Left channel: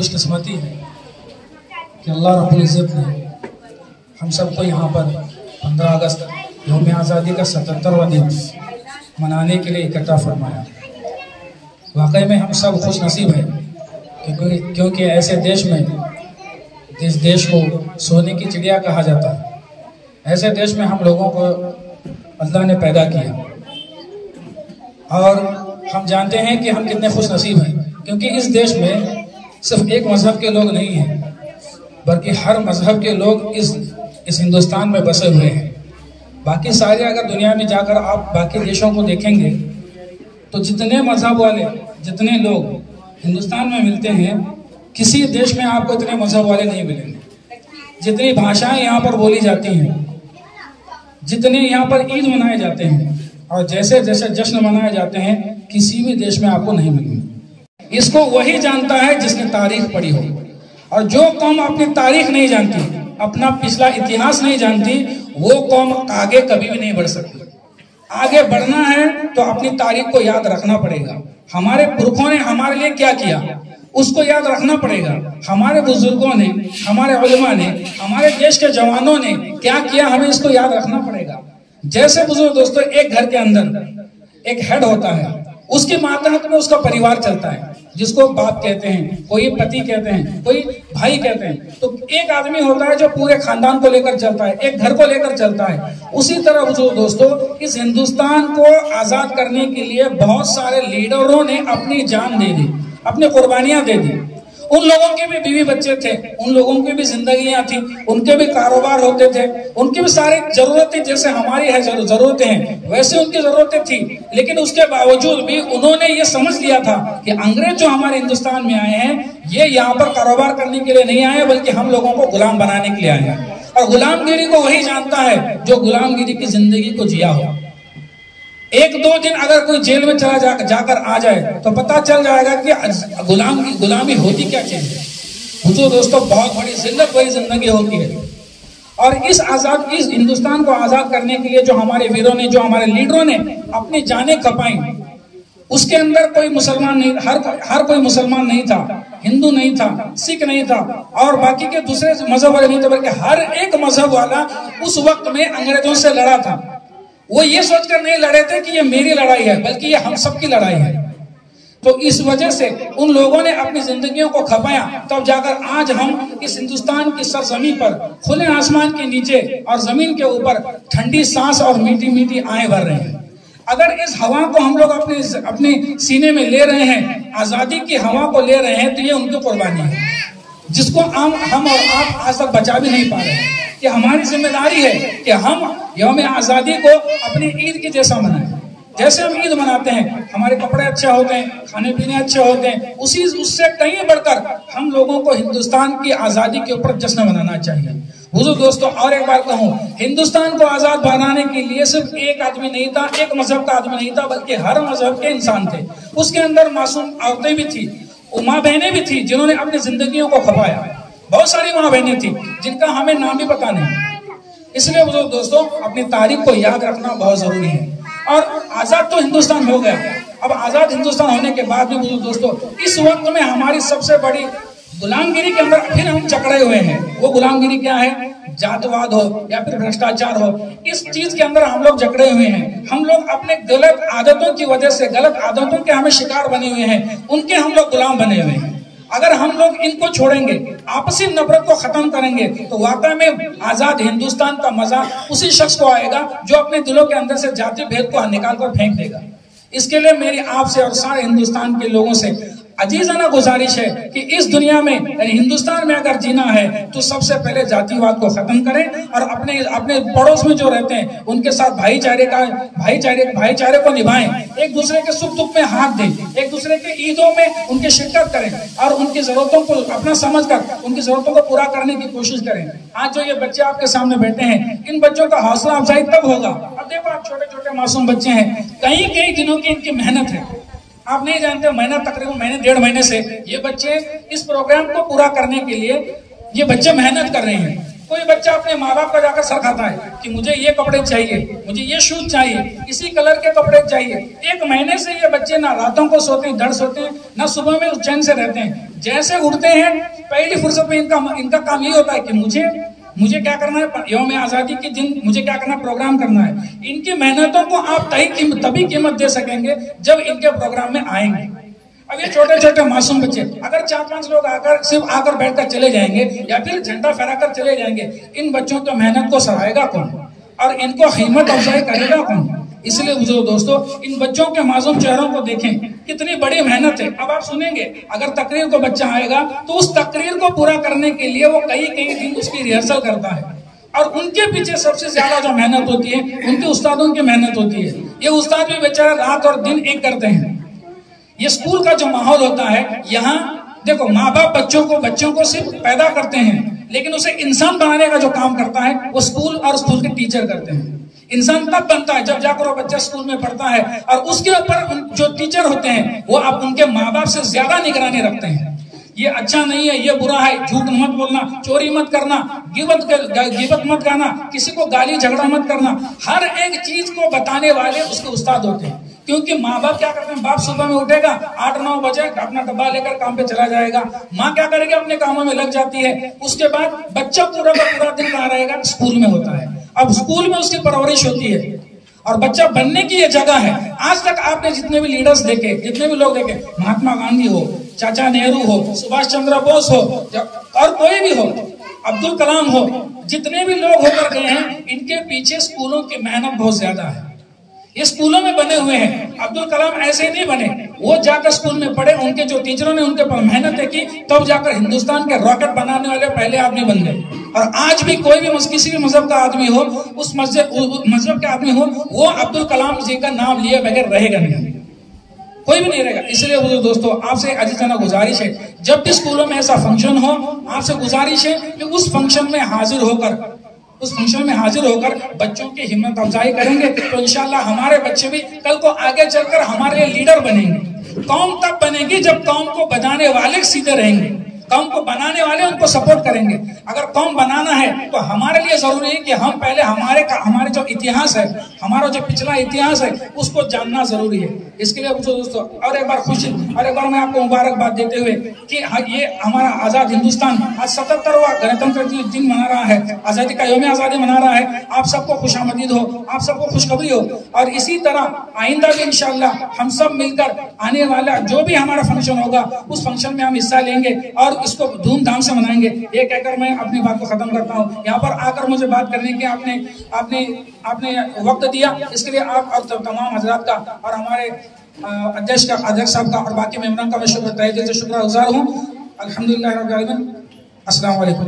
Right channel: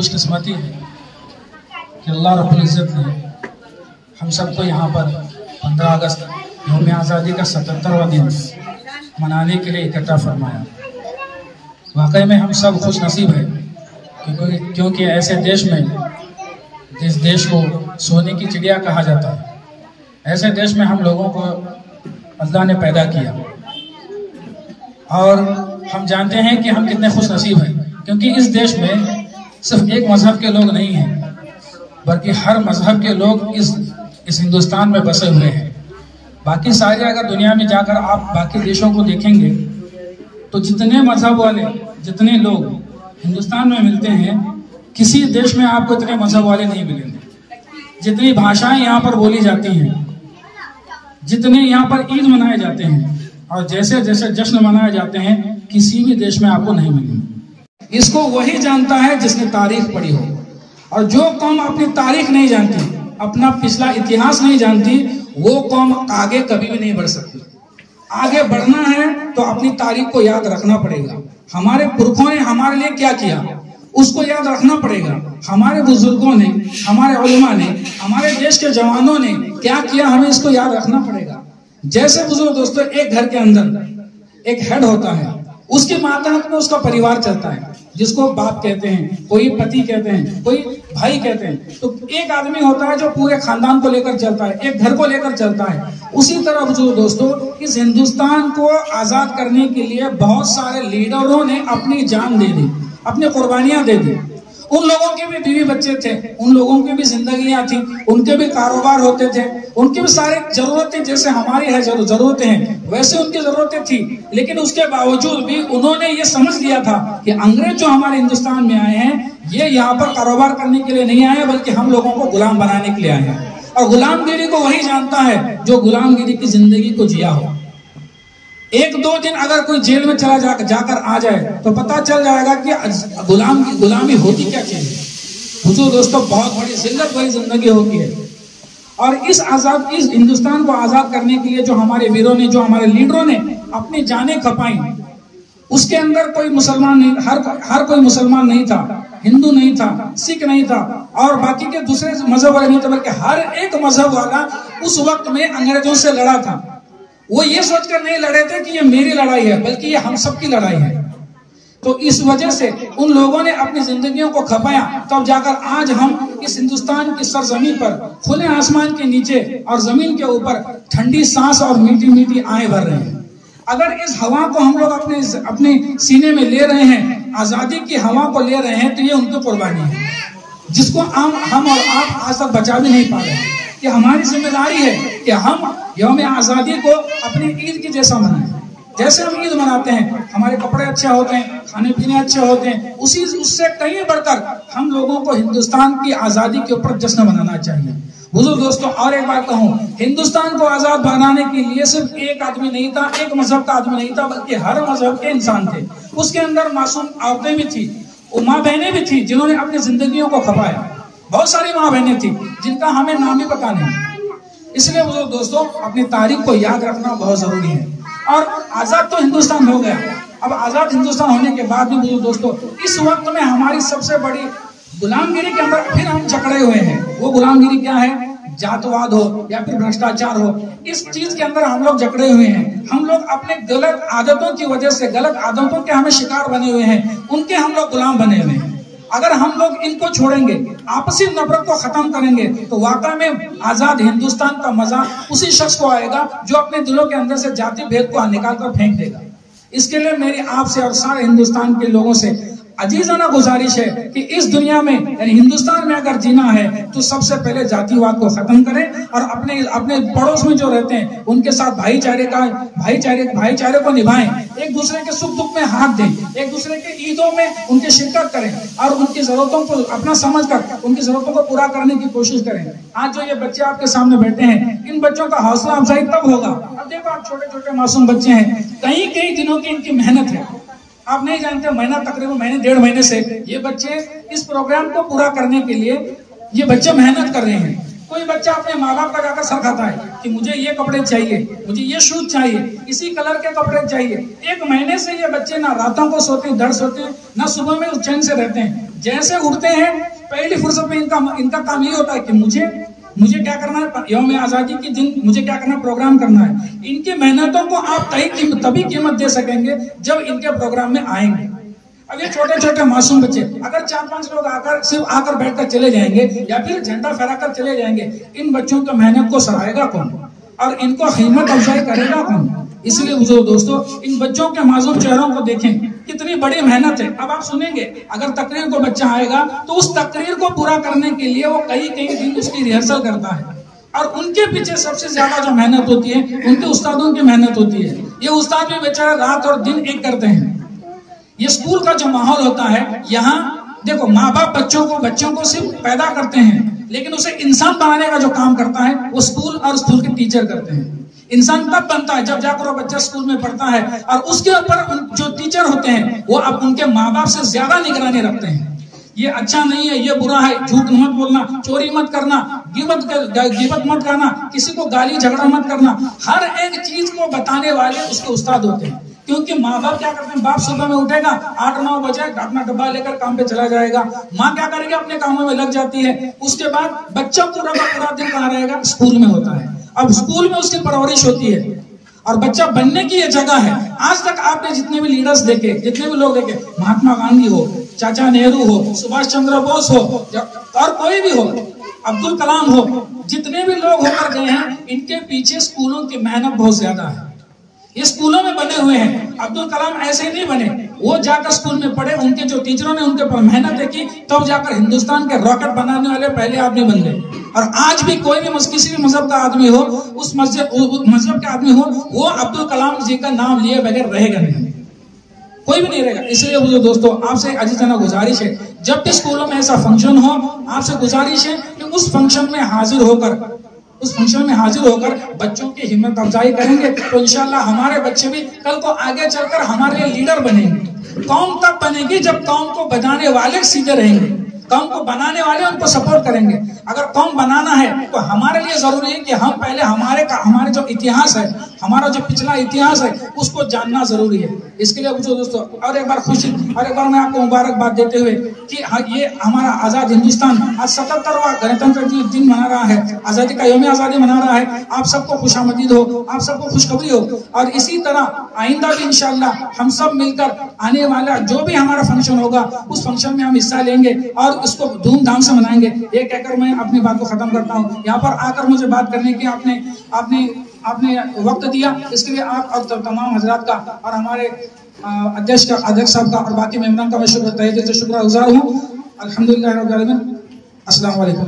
खुशकिस्मती है कि अल्लाह रब्बुल इज़्ज़त ने हम सबको यहाँ पर 15 अगस्त यौम आज़ादी का 77वां दिन मनाने के लिए इकट्ठा फरमाया। वाकई में हम सब खुश नसीब हैं क्योंकि ऐसे देश में जिस देश को सोने की चिड़िया कहा जाता है, ऐसे देश में हम लोगों को अल्लाह ने पैदा किया। और हम जानते हैं कि हम कितने खुश नसीब हैं क्योंकि इस देश में सिर्फ एक मजहब के लोग नहीं हैं बल्कि हर मजहब के लोग इस हिंदुस्तान में बसे हुए हैं। बाकी सारे अगर दुनिया में जाकर आप बाकी देशों को देखेंगे तो जितने मजहब वाले जितने लोग हिंदुस्तान में मिलते हैं, किसी देश में आपको इतने मजहब वाले नहीं मिलेंगे। जितनी भाषाएं यहाँ पर बोली जाती हैं, जितने यहाँ पर ईद मनाए जाते हैं और जैसे जैसे जश्न मनाए जाते हैं, किसी भी देश में आपको नहीं मिलेंगे। इसको वही जानता है जिसने तारीख पढ़ी हो। और जो कौम अपनी तारीख नहीं जानती, अपना पिछला इतिहास नहीं जानती, वो कौम आगे कभी भी नहीं बढ़ सकती। आगे बढ़ना है तो अपनी तारीख को याद रखना पड़ेगा। हमारे पुरखों ने हमारे लिए क्या किया उसको याद रखना पड़ेगा। हमारे बुजुर्गों ने, हमारे उलमा ने, हमारे देश के जवानों ने क्या किया, हमें इसको याद रखना पड़ेगा। जैसे बुजुर्ग दोस्तों, एक घर के अंदर एक हेड होता है, उसके मातहत में उसका परिवार चलता है, जिसको बाप कहते हैं, कोई पति कहते हैं, कोई भाई कहते हैं। तो एक आदमी होता है जो पूरे खानदान को लेकर चलता है, एक घर को लेकर चलता है। उसी तरह बुजुर्ग दोस्तों, इस हिंदुस्तान को आजाद करने के लिए बहुत सारे लीडरों ने अपनी जान दे दी, अपनी कुर्बानियां दे दी। उन लोगों के भी बीवी बच्चे थे, उन लोगों की भी जिंदगियां थी, उनके भी कारोबार होते थे, उनकी भी सारी जरूरतें जैसे हमारी है जरूरतें हैं वैसे उनकी जरूरतें थी। लेकिन उसके बावजूद भी उन्होंने ये समझ लिया था कि अंग्रेज जो हमारे हिंदुस्तान में आए हैं, ये यहाँ पर कारोबार करने के लिए नहीं आए बल्कि हम लोगों को गुलाम बनाने के लिए आए हैं। और गुलामगिरी को वही जानता है जो गुलामगिरी की जिंदगी को जिया हो। एक दो दिन अगर कोई जेल में चला जाकर आ जाए तो पता चल जाएगा कि गुलामी होती क्या चीज है। तो दोस्तों, बहुत बड़ी जिल्लत वही जिंदगी होती है। और इस हिंदुस्तान को आजाद करने के लिए जो हमारे वीरों ने, जो हमारे लीडरों ने अपनी जानें खपाई, उसके अंदर कोई मुसलमान नहीं, हर कोई मुसलमान नहीं था, हिंदू नहीं था, सिख नहीं था और बाकी के दूसरे मजहब वाले नहीं थे, बल्कि हर एक मजहब वाला उस वक्त में अंग्रेजों से लड़ा था। वो ये सोचकर नहीं लड़े थे कि ये मेरी लड़ाई है, बल्कि ये हम सबकी लड़ाई है। तो इस वजह से उन लोगों ने अपनी जिंदगियों को खपाया, तब जाकर आज हम इस हिंदुस्तान की सरजमी पर खुले आसमान के नीचे और जमीन के ऊपर ठंडी सांस और मीठी मीठी आहें भर रहे हैं। अगर इस हवा को हम लोग अपने सीने में ले रहे हैं, आजादी की हवा को ले रहे हैं, तो ये उनकी कुर्बानी है जिसको हम और आप आज तक बचा भी नहीं पा रहे हैं। कि हमारी जिम्मेदारी है कि हम यौम आज़ादी को अपनी ईद की जैसा मनाएं। जैसे हम ईद मनाते हैं, हमारे कपड़े अच्छे होते हैं, खाने पीने अच्छे होते हैं, उससे कहीं बढ़कर हम लोगों को हिंदुस्तान की आज़ादी के ऊपर जश्न मनाना चाहिए। बुजुर्ग दोस्तों, और एक बात कहूँ, हिंदुस्तान को आज़ाद बनाने के लिए सिर्फ एक आदमी नहीं था, एक मजहब का आदमी नहीं था, बल्कि हर मजहब के इंसान थे। उसके अंदर मासूम औरतें भी थी, माँ बहनें भी थी जिन्होंने अपनी जिंदगियों को खपाया। बहुत सारी माँ बहनें थी जिनका हमें नाम भी पता नहीं। इसलिए दोस्तों, अपनी तारीख को याद रखना बहुत जरूरी है। और आजाद तो हिंदुस्तान हो गया, अब आजाद हिंदुस्तान होने के बाद भी दोस्तों, इस वक्त में हमारी सबसे बड़ी गुलामगिरी के अंदर फिर हम जकड़े हुए हैं। वो गुलामगिरी क्या है? जातवाद हो या फिर भ्रष्टाचार हो, इस चीज के अंदर हम लोग जकड़े हुए हैं। हम लोग अपने गलत आदतों की वजह से, गलत आदतों के हमें शिकार बने हुए हैं, उनके हम लोग गुलाम बने हुए हैं। अगर हम लोग इनको छोड़ेंगे, आपसी नफरत को खत्म करेंगे, तो वाकई में आजाद हिंदुस्तान का मजा उसी शख्स को आएगा जो अपने दिलों के अंदर से जाति भेद को निकाल कर फेंक देगा। इसके लिए मेरी आपसे और सारे हिंदुस्तान के लोगों से अजीजाना गुजारिश है कि इस दुनिया में, यानी हिंदुस्तान में अगर जीना है तो सबसे पहले जातिवाद को खत्म करें और अपने पड़ोस में जो रहते हैं उनके साथ भाईचारे को निभाएं। एक दूसरे के सुख दुख में हाथ दें, एक दूसरे के ईदों में उनकी शिरकत करें और उनकी जरूरतों को अपना समझकर उनकी जरूरतों को पूरा करने की कोशिश करें। आज जो ये बच्चे आपके सामने बैठे हैं, इन बच्चों का हौसला अफजाई तब होगा। अब देखो, आप छोटे छोटे मासूम बच्चे हैं, कई दिनों की इनकी मेहनत है। आप नहीं जानते, महीना तकरीबन महीने 1.5 महीने से ये बच्चे इस प्रोग्राम को पूरा करने के लिए ये बच्चे मेहनत कर रहे हैं। कोई बच्चा अपने माँ बाप का जाकर सर खाता है कि मुझे ये कपड़े चाहिए, मुझे ये शूज चाहिए, इसी कलर के कपड़े चाहिए। 1 महीने से ये बच्चे ना रातों को सोते हैं, डर सोते हैं, ना सुबह में चैन से रहते हैं। जैसे उठते हैं पहली फुर्सत में इनका काम ये होता है कि मुझे क्या करना है, यौम आजादी के दिन मुझे क्या करना है, प्रोग्राम करना है। इनकी मेहनतों को आप तभी कीमत दे सकेंगे जब इनके प्रोग्राम में आएंगे। अब ये छोटे छोटे मासूम बच्चे अगर 4-5 लोग सिर्फ आकर बैठकर चले जाएंगे या फिर झंडा फहराकर चले जाएंगे, इन बच्चों की मेहनत को सराहेगा कौन और इनको हिम्मत अफजाई करेगा कौन? इसलिए बुजुर्ग दोस्तों, इन बच्चों के मासूम चेहरों को देखें, कितनी बड़ी मेहनत है। अब आप सुनेंगे अगर तकरीर को बच्चा आएगा तो उस तकरीर को पूरा करने के लिए वो कई दिन उसकी रिहर्सल करता है और उनके पीछे सबसे ज्यादा जो मेहनत होती है उनके उस्तादों की मेहनत होती है। ये उस्ताद भी बेचारे रात और दिन एक करते हैं। ये स्कूल का जो माहौल होता है, यहाँ देखो माँ बाप बच्चों को सिर्फ पैदा करते हैं, लेकिन उसे इंसान बनाने का जो काम करता है वो स्कूल और स्कूल के टीचर करते हैं। इंसान तब बनता है जब जाकर वो बच्चा स्कूल में पढ़ता है और उसके ऊपर जो टीचर होते हैं वो अब उनके माँ बाप से ज्यादा निगरानी रखते हैं। ये अच्छा नहीं है, ये बुरा है, झूठ मत बोलना, चोरी मत करना, गिबत मत करना, किसी को गाली झगड़ा मत करना। हर एक चीज को बताने वाले उसके उस्ताद होते हैं। क्योंकि माँ बाप क्या करते हैं, बाप सुबह में उठेगा 8-9 बजे अपना डब्बा लेकर काम पे चला जाएगा, माँ क्या करेगी, अपने कामों में लग जाती है। उसके बाद बच्चा पूरा दिन कहाँ रहेगा, स्कूल में होता है। अब स्कूल में उसकी परवरिश होती है और बच्चा बनने की ये जगह है। आज तक आपने जितने भी लीडर्स देखे, जितने भी लोग देखे, महात्मा गांधी हो, चाचा नेहरू हो, सुभाष चंद्र बोस हो और कोई भी हो, अब्दुल कलाम हो, जितने भी लोग होकर गए हैं, इनके पीछे स्कूलों की मेहनत बहुत ज्यादा है। ये स्कूलों में बने हुए हैं। अब्दुल कलाम ऐसे नहीं बने, वो जाकर स्कूल में पढ़े, उनके जो टीचरों ने उनके पर मेहनत की, तब जाकर हिंदुस्तान के रॉकेट बनाने वाले पहले आदमी बन गए। और आज भी कोई भी किसी भी मजहब का आदमी हो, उस मजहब के आदमी हो, वो अब्दुल कलाम जी का नाम लिए बगैर रहेगा नहीं, कोई भी नहीं रहेगा। इसलिए वो दोस्तों, आपसे अजीजाना गुजारिश है, जब भी स्कूलों में ऐसा फंक्शन हो, आपसे गुजारिश है कि उस फंक्शन में हाजिर होकर बच्चों की हिम्मत अफजाई करेंगे तो इंशाल्लाह हमारे बच्चे भी कल को आगे चलकर हमारे लिए लीडर बनेंगे। कौम तब बनेगी जब कौम को बनाने वाले सीधे रहेंगे, कौम को बनाने वाले उनको सपोर्ट करेंगे। अगर कौम बनाना है तो हमारे लिए जरूरी है कि हम पहले हमारे जो इतिहास है, हमारा जो पिछला इतिहास है, उसको जानना जरूरी है। इसके लिए दोस्तों और एक बार मैं आपको मुबारकबाद देते हुए कि ये हमारा आजाद हिंदुस्तान आज 77वां गणतंत्र दिन मना रहा है, आजादी का यौम आजादी मना रहा है। आप सबको खुशामदीद हो, आप सबको खुशखबरी हो और इसी तरह आइंदा भी इंशाल्लाह हम सब मिलकर आने वाला जो भी हमारा फंक्शन होगा उस फंक्शन में हम हिस्सा लेंगे और इसको धूमधाम से मनाएंगे। ये कहकर मैं अपनी बात को खत्म करता हूँ। यहाँ पर आकर मुझे बात करने के आपने वक्त दिया, इसके लिए आप और तमाम हजरात का और हमारे अध्यक्ष साहब का और बाकी मेहमान का मैं तहे दिल से शुक्रगुजार हूँ। अल्हम्दुलिल्लाह रब्बिल आलमीन। अस्सलाम वालेकुम।